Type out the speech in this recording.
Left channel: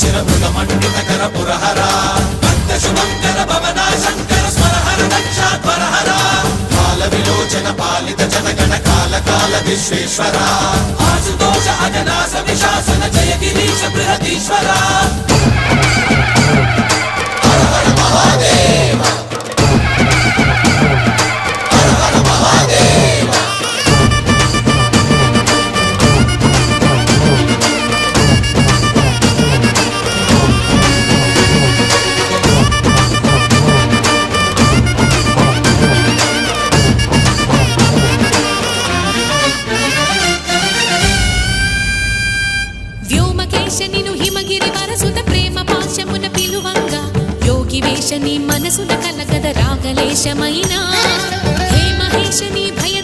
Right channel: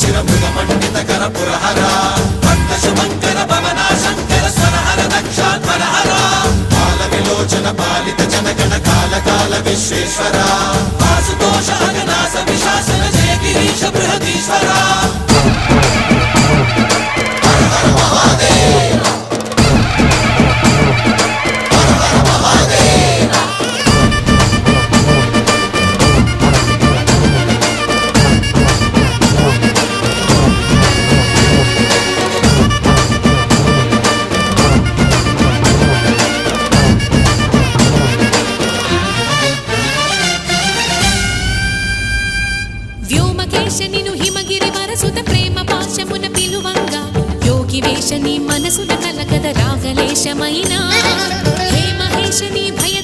शिरमृगमण्डितकर पुरहरा शुभङ्कर भवना शङ्कर स्वरहर दक्षाध्वरहरा कालविलोचन पालित जनगण काल काल विश्वेश्वरा आशुतोष अजनास विशासन जय गिरीश बृहदीश्वरा हर हर महादेव हर हर महादेव వ్యోమకేశనిను హిమగిరి వరసుత ప్రేమ పాశమున పిలువంగా యోగి వేషని మనసున కలగద రాగలేశమైనా హే మహేశని భయ